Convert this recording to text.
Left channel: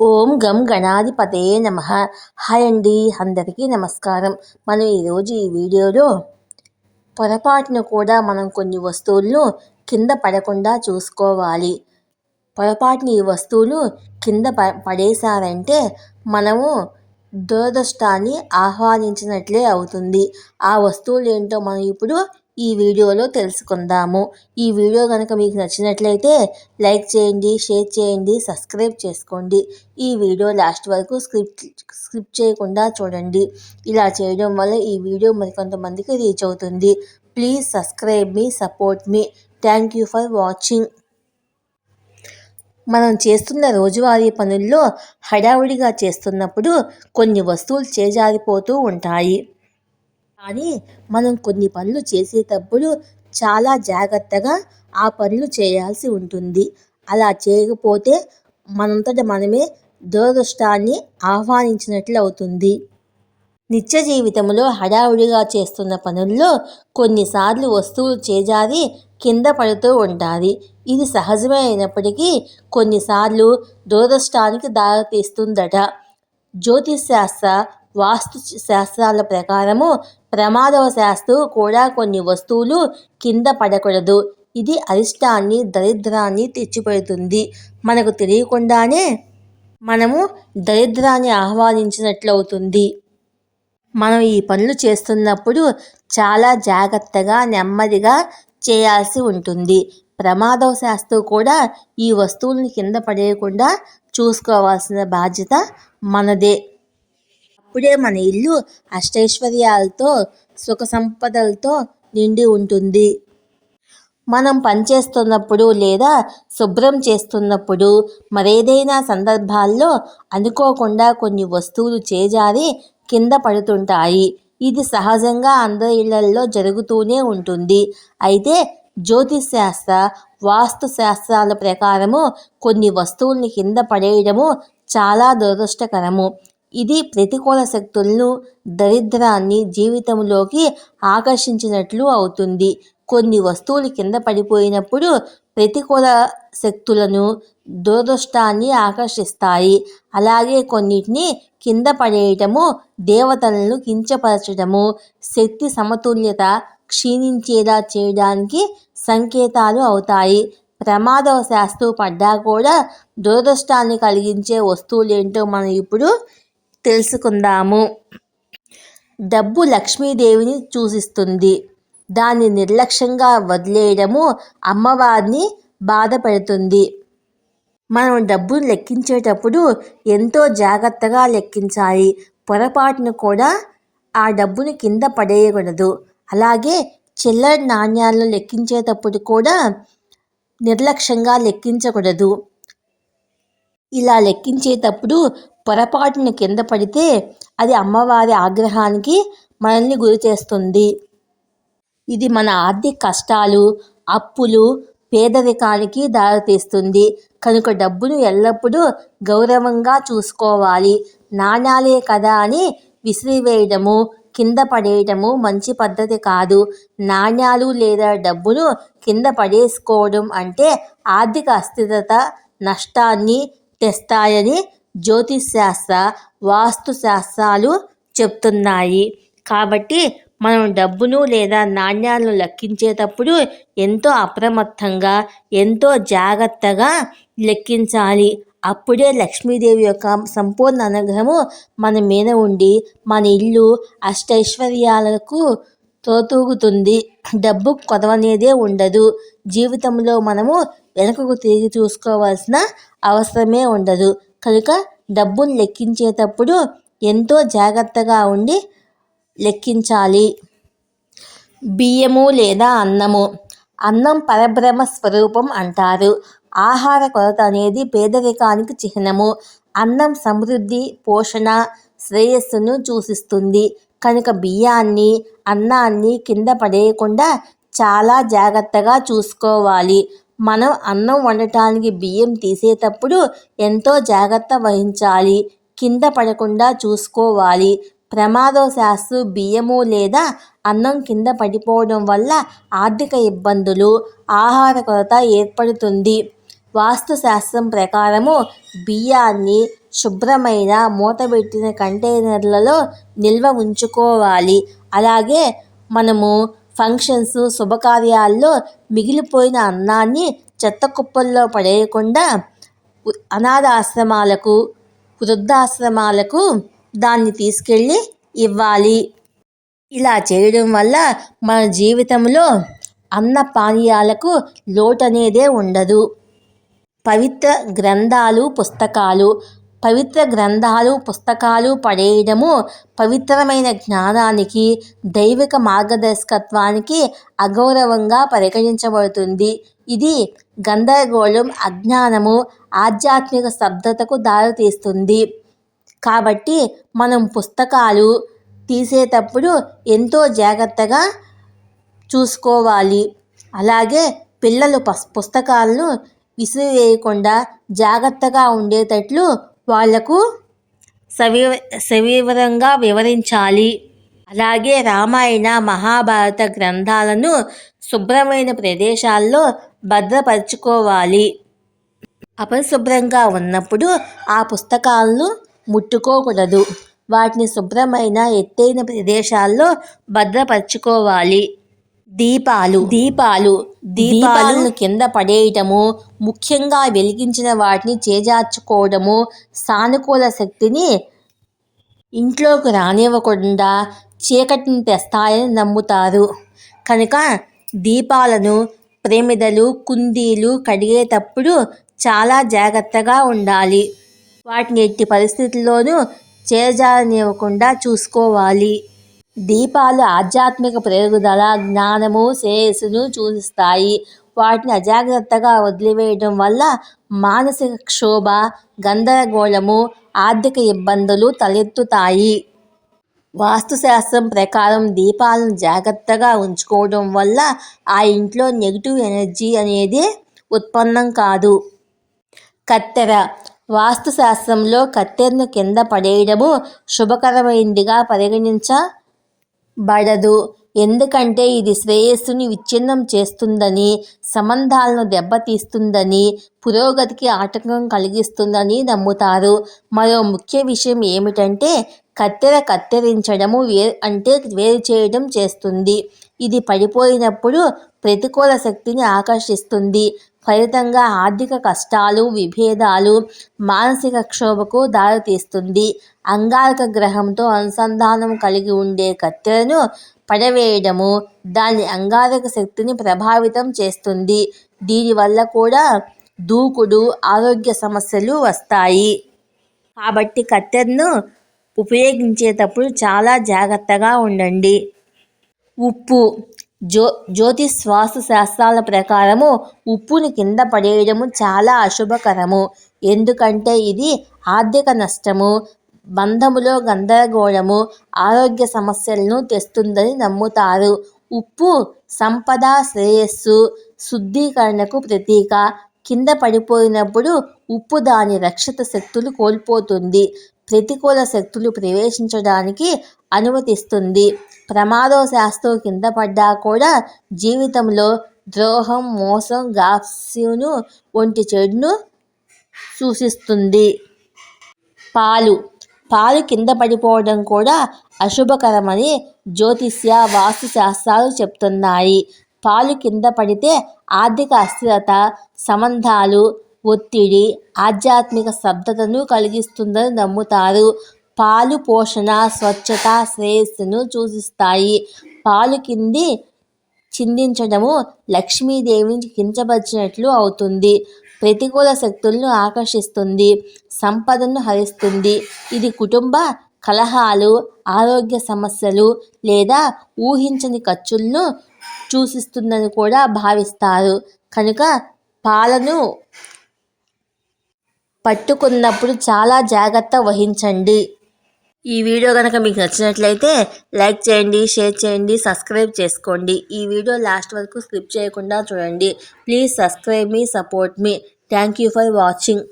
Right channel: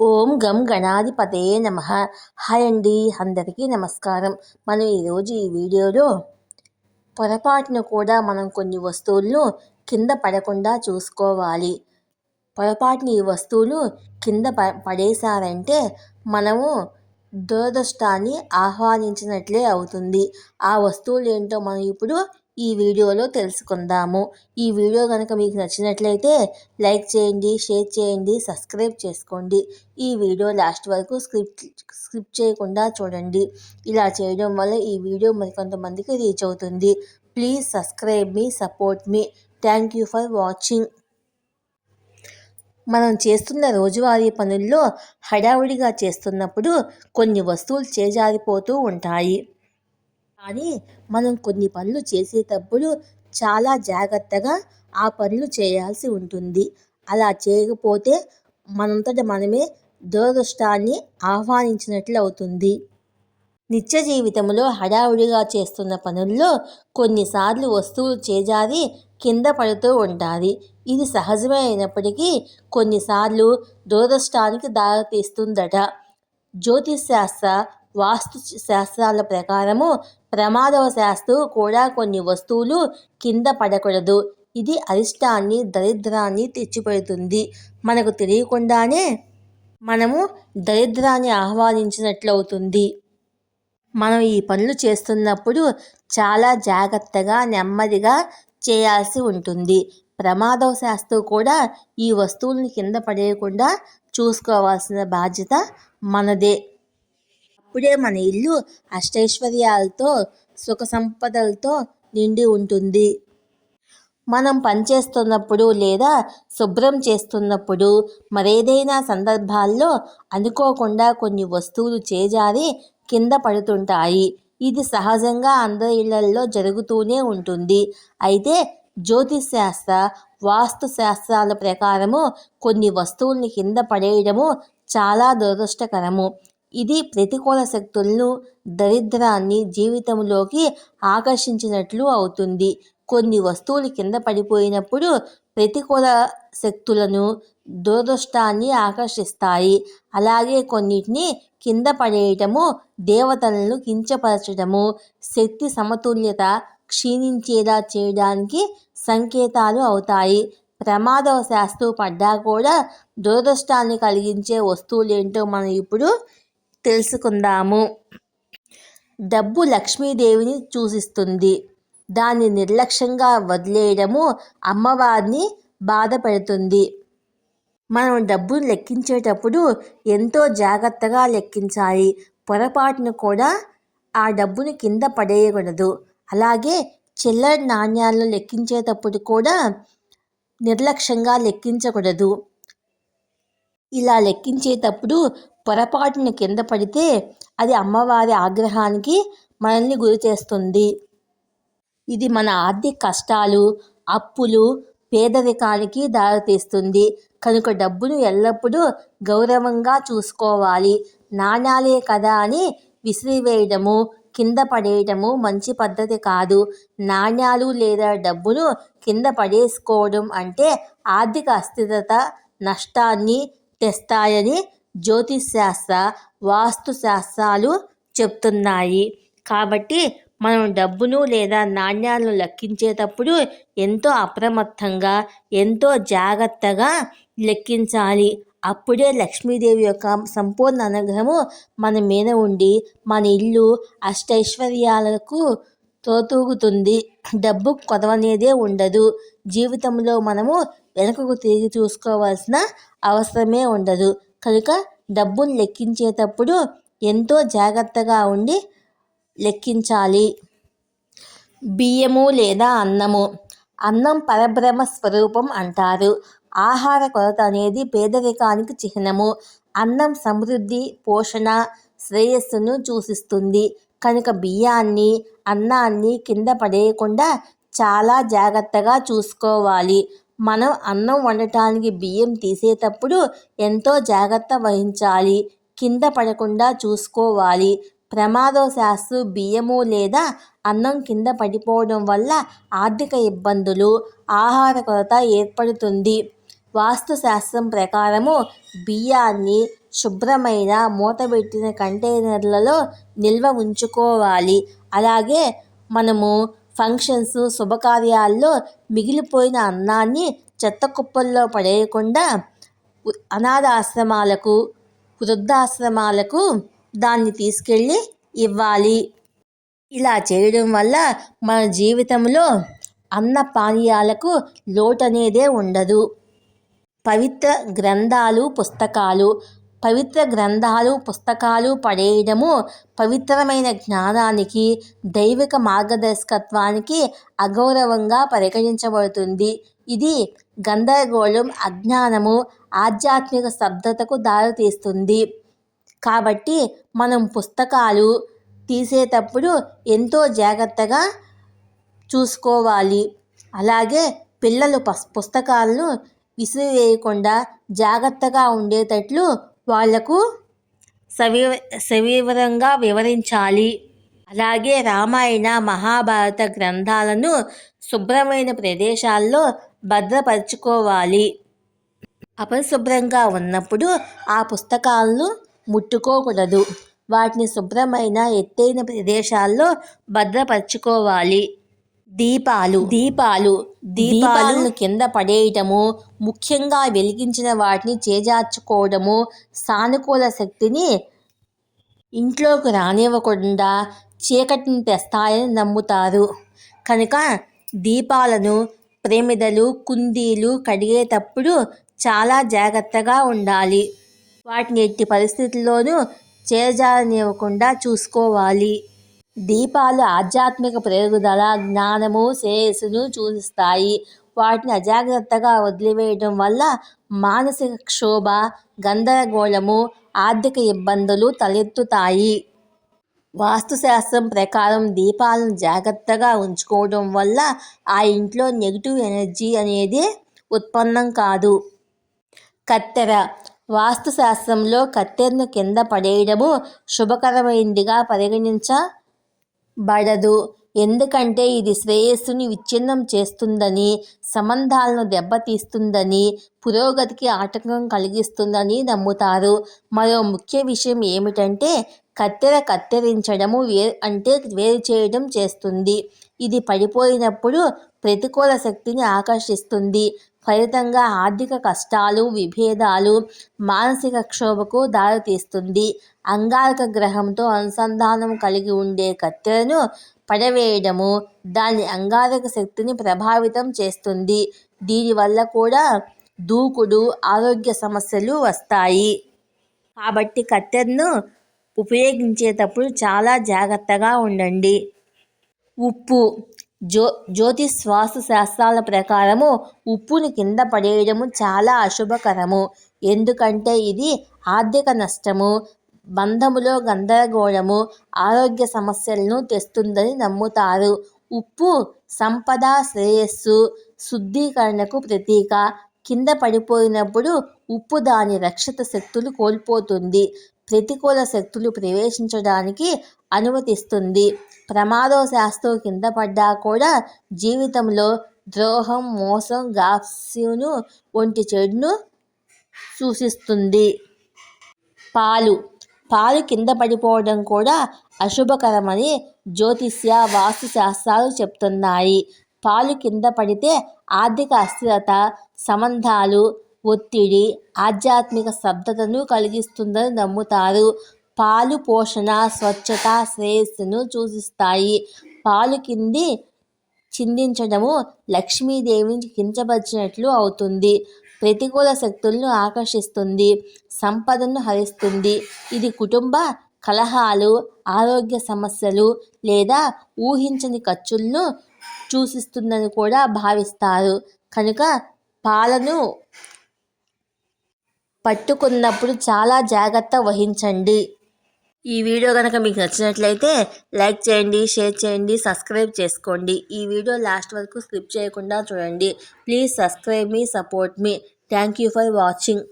ఓం గం గణాధిపతయే నమః. హాయ్ అండి, అందరికీ నమస్కారం. మనం ఈరోజు ఈ వీడియోలో పొరపాటున కూడా మనం కొన్ని వస్తువులను కింద పడకుండా చూసుకోవాలి. పొరపాటున ఈ వస్తువులు కింద పడేశారంటే మనము దురదృష్టాన్ని ఆహ్వానించినట్లే అవుతుంది. ఆ వస్తువులు ఏంటో మనం ఇప్పుడు ఈ వీడియోలో తెలుసుకుందాము. ఈ వీడియో కనుక మీకు నచ్చినట్లయితే లైక్ చేయండి, షేర్ చేయండి, సబ్స్క్రైబ్ చేసుకోండి. ఈ వీడియో లాస్ట్ వరకు స్కిప్ చేయకుండా చూడండి. ఇలా చేయడం వల్ల ఈ వీడియో మరికొంతమందికి రీచ్ అవుతుంది. Please subscribe me, support me. Thank you for watching. మనం చేస్తున్న రోజువారీ పనుల్లో హడావుడిగా చేస్తున్నప్పుడు కొన్ని వస్తువులు చేజారిపోతూ ఉంటాయి. కానీ మనం కొన్ని పనులు చేసేటప్పుడు చాలా జాగ్రత్తగా ఆ పనులు చేయాల్సి ఉంటుంది. అలా చేయకపోతే మనంతట మనమే దురదృష్టాన్ని ఆహ్వానించినట్లు అవుతుంది. నిత్య జీవితంలో హడావుడిగా చేస్తున్న పనుల్లో కొన్నిసార్లు వస్తువులు చేజారి కింద పడుతూ ఉంటాయి. ఇది సహజమే అయినప్పటికీ కొన్నిసార్లు దురదృష్టానికి దారితీస్తుందట. జ్యోతిశాస్త్ర, వాస్తు శాస్త్రాల ప్రకారము ప్రమాదవశాత్తు కూడా కొన్ని వస్తువులు కింద పడకూడదు. ఇది అరిష్టాన్ని, దరిద్రాన్ని తెచ్చిపెడుతుంది. మనకు తెలియకుండానే మనము దరిద్రాన్ని ఆహ్వానించినట్లవుతుంది. మనం ఈ పనులు చేస్తున్నప్పుడు చాలా జాగ్రత్తగా, నెమ్మదిగా చేయాల్సి ఉంటుంది. ప్రమాదవశాత్తు కూడా ఈ వస్తువులను కింద పడేయకుండా చూసుకోవాల్సిన బాధ్యత మనదే. అప్పుడే మన ఇల్లు అష్టైశ్వర్యాలతో, సుఖ సంపదలతో నిండి ఉంటుంది. మనం పనిచేస్తున్నప్పుడు లేదా శుభ్రం చేస్తున్నప్పుడు మరేదైనా సందర్భాల్లో అనుకోకుండా కొన్ని వస్తువులు చేజారి కింద పడుతుంటాయి. ఇది సహజంగా అందరి ఇళ్లల్లో జరుగుతూనే ఉంటుంది. అయితే జ్యోతిశాస్త్ర, వాస్తు శాస్త్రాల ప్రకారము కొన్ని వస్తువుల్ని కింద పడేయడము చాలా దురదృష్టకరము. ఇది ప్రతికూల శక్తులను, దరిద్రాన్ని జీవితంలోకి ఆకర్షించినట్లు అవుతుంది. కొన్ని వస్తువులు కింద పడిపోయినప్పుడు ప్రతికూల శక్తులను, దురదృష్టాన్ని ఆకర్షిస్తాయి. అలాగే కొన్నిటిని కింద పడేయటము దేవతలను కించపరచడము, శక్తి సమతుల్యత క్షీణించేలా చేయడానికి సంకేతాలు అవుతాయి. ప్రమాదవశాత్తు పడ్డా కూడా దురదృష్టాన్ని కలిగించే వస్తువులేంటో మనం ఇప్పుడు తెలుసుకుందాము. డబ్బు లక్ష్మీదేవిని సూచిస్తుంది. దాన్ని నిర్లక్ష్యంగా వదిలేయడము అమ్మవారిని బాధ పెడుతుంది. మనం డబ్బును లెక్కించేటప్పుడు ఎంతో జాగ్రత్తగా లెక్కించాలి. పొరపాటును కూడా ఆ డబ్బుని కింద పడేయకూడదు. అలాగే చిల్లర నాణ్యాలను లెక్కించేటప్పుడు కూడా నిర్లక్ష్యంగా లెక్కించకూడదు. ఇలా లెక్కించేటప్పుడు పొరపాటును కింద పడితే అది అమ్మవారి ఆగ్రహానికి మనల్ని గురి చేస్తుంది. ఇది మన ఆర్థిక కష్టాలు, అప్పులు, పేదరికానికి దారితీస్తుంది. కనుక డబ్బును ఎల్లప్పుడూ గౌరవంగా చూసుకోవాలి. నాణ్యాలే కదా అని విసిరివేయడము, కింద పడేయడము మంచి పద్ధతి కాదు. నాణ్యాలు లేదా డబ్బును కింద పడేసుకోవడం అంటే ఆర్థిక అస్థిరత, నష్టాన్ని తెస్తాయని జ్యోతిశాస్త్ర, వాస్తు శాస్త్రాలు చెప్తున్నాయి. కాబట్టి మనం డబ్బును లేదా నాణ్యాలను లెక్కించేటప్పుడు ఎంతో అప్రమత్తంగా, ఎంతో జాగ్రత్తగా లెక్కించాలి. అప్పుడే లక్ష్మీదేవి యొక్క సంపూర్ణ అనుగ్రహము మన మీద ఉండి మన ఇల్లు అష్టైశ్వర్యాలకు తోతూగుతుంది. డబ్బు కొదవనేదే ఉండదు. జీవితంలో మనము వెనుకకు తిరిగి చూసుకోవాల్సిన అవసరమే ఉండదు. కనుక డబ్బును లెక్కించేటప్పుడు ఎంతో జాగ్రత్తగా ఉండి లెక్కించాలి. బియ్యము లేదా అన్నము. అన్నం పరబ్రహ్మ స్వరూపం అంటారు. ఆహార కొరత అనేది పేదరికానికి చిహ్నము. అన్నం సమృద్ధి, పోషణ, శ్రేయస్సును సూచిస్తుంది. కనుక బియ్యాన్ని, అన్నాన్ని కింద పడేయకుండా చాలా జాగ్రత్తగా చూసుకోవాలి. మనం అన్నం వండటానికి బియ్యం తీసేటప్పుడు ఎంతో జాగ్రత్త వహించాలి. కింద పడకుండా చూసుకోవాలి. ప్రమాదవశాత్తు బియ్యము లేదా అన్నం కింద పడిపోవడం వల్ల ఆర్థిక ఇబ్బందులు, ఆహార కొరత ఏర్పడుతుంది. వాస్తుశాస్త్రం ప్రకారము బియ్యాన్ని శుభ్రమైన మూతబెట్టిన కంటైనర్లలో నిల్వ ఉంచుకోవాలి. అలాగే మనము ఫంక్షన్స్, శుభకార్యాల్లో మిగిలిపోయిన అన్నాన్ని చెత్త కుప్పల్లో పడేయకుండా అనాథాశ్రమాలకు, వృద్ధాశ్రమాలకు దాన్ని తీసుకెళ్ళి ఇవ్వాలి. ఇలా చేయడం వల్ల మన జీవితంలో అన్న పానీయాలకు లోటనేదే ఉండదు. పవిత్ర గ్రంథాలు, పుస్తకాలు పడేయడము పవిత్రమైన జ్ఞానానికి, దైవిక మార్గదర్శకత్వానికి అగౌరవంగా పరిగణించబడుతుంది. ఇది గందరగోళం, అజ్ఞానము, ఆధ్యాత్మిక స్తబ్దతకు దారితీస్తుంది. కాబట్టి మనం పుస్తకాలు తీసేటప్పుడు ఎంతో జాగ్రత్తగా చూసుకోవాలి. అలాగే పిల్లలు పుస్తకాలను విసిరివేయకుండా జాగ్రత్తగా ఉండేటట్లు వాళ్లకు సవివరంగా వివరించాలి. అలాగే రామాయణ, మహాభారత గ్రంథాలను శుభ్రమైన ప్రదేశాల్లో భద్రపరచుకోవాలి. అపరిశుభ్రంగా ఉన్నప్పుడు ఆ పుస్తకాలను ముట్టుకోకూడదు. వాటిని శుభ్రమైన ఎత్తైన ప్రదేశాల్లో భద్రపరచుకోవాలి. దీపాలను కింద పడేయటము, ముఖ్యంగా వెలిగించిన వాటిని చేజార్చుకోవడము సానుకూల శక్తిని ఇంట్లోకి రానివ్వకుండా చీకటిని తెస్తాయని నమ్ముతారు. కనుక దీపాలను, ప్రమిదలు, కుందీలు కడిగేటప్పుడు చాలా జాగ్రత్తగా ఉండాలి. వాటిని ఎట్టి పరిస్థితుల్లోనూ చేజారనివ్వకుండా చూసుకోవాలి. దీపాలు ఆధ్యాత్మిక పెరుగుదల, జ్ఞానము, శ్రేయస్సును సూచిస్తాయి. వాటిని అజాగ్రత్తగా వదిలివేయడం వల్ల మానసిక క్షోభ, గందరగోళము, ఆర్థిక ఇబ్బందులు తలెత్తుతాయి. వాస్తుశాస్త్రం ప్రకారం దీపాలను జాగ్రత్తగా ఉంచుకోవడం వల్ల ఆ ఇంట్లో నెగిటివ్ ఎనర్జీ అనేది ఉత్పన్నం కాదు. కత్తెర. వాస్తుశాస్త్రంలో కత్తెరను కింద పడేయడము శుభకరమైనదిగా పరిగణించబడదు. ఎందుకంటే ఇది శ్రేయస్సుని విచ్ఛిన్నం చేస్తుందని, సంబంధాలను దెబ్బతీస్తుందని, పురోగతికి ఆటంకం కలిగిస్తుందని నమ్ముతారు. మరో ముఖ్య విషయం ఏమిటంటే కత్తెర కత్తిరించడము వేరు చేయడం చేస్తుంది. ఇది పడిపోయినప్పుడు ప్రతికూల శక్తిని ఆకర్షిస్తుంది. ఫలితంగా ఆర్థిక కష్టాలు, విభేదాలు, మానసిక క్షోభకు దారితీస్తుంది. అంగారక గ్రహంతో అనుసంధానం కలిగి ఉండే కత్తెరను పడవేయడము దాని అంగారక శక్తిని ప్రభావితం చేస్తుంది. దీనివల్ల కూడా దూకుడు, ఆరోగ్య సమస్యలు వస్తాయి. కాబట్టి కత్తెరను ఉపయోగించేటప్పుడు చాలా జాగ్రత్తగా ఉండండి. ఉప్పు. జ్యోతిష్ వాస్తు శాస్త్రాల ప్రకారము ఉప్పుని కింద పడేయడము చాలా అశుభకరము. ఎందుకంటే ఇది ఆర్థిక నష్టము, బంధములో గందరగోళము, ఆరోగ్య సమస్యలను తెస్తుందని నమ్ముతారు. ఉప్పు సంపద, శ్రేయస్సు, శుద్ధీకరణకు ప్రతీక. కింద పడిపోయినప్పుడు ఉప్పు దాని రక్షిత శక్తులు కోల్పోతుంది. ప్రతికూల శక్తులు ప్రవేశించడానికి అనుమతిస్తుంది. ప్రమాదవశాత్తు కింద పడ్డా కూడా జీవితంలో ద్రోహం, మోసం, గాసిప్ను వంటి చెడును సూచిస్తుంది. పాలు కింద పడిపోవడం కూడా అశుభకరమని జ్యోతిష్య, వాస్తు శాస్త్రాలు చెప్తున్నాయి. పాలు కింద పడితే ఆర్థిక అస్థిరత, సంబంధాలు, ఒత్తిడి, ఆధ్యాత్మిక స్తబ్దతను కలిగిస్తుందని నమ్ముతారు. పాలు పోషణ, స్వచ్ఛత, శ్రేయస్సును సూచిస్తాయి. పాలు చిందించడము లక్ష్మీదేవిని కించపరిచినట్లు అవుతుంది. ప్రతికూల శక్తులను ఆకర్షిస్తుంది, సంపదను హరిస్తుంది. ఇది కుటుంబ కలహాలు, ఆరోగ్య సమస్యలు లేదా ఊహించని ఖర్చులను సూచిస్తుందని కూడా భావిస్తారు. కనుక పాలను పట్టుకున్నప్పుడు చాలా జాగ్రత్త వహించండి. ఈ వీడియో కనుక మీకు నచ్చినట్లయితే లైక్ చేయండి, షేర్ చేయండి, సబ్స్క్రైబ్ చేసుకోండి. ఈ వీడియో లాస్ట్ వరకు స్కిప్ చేయకుండా చూడండి. Please subscribe me, support me. Thank you for watching.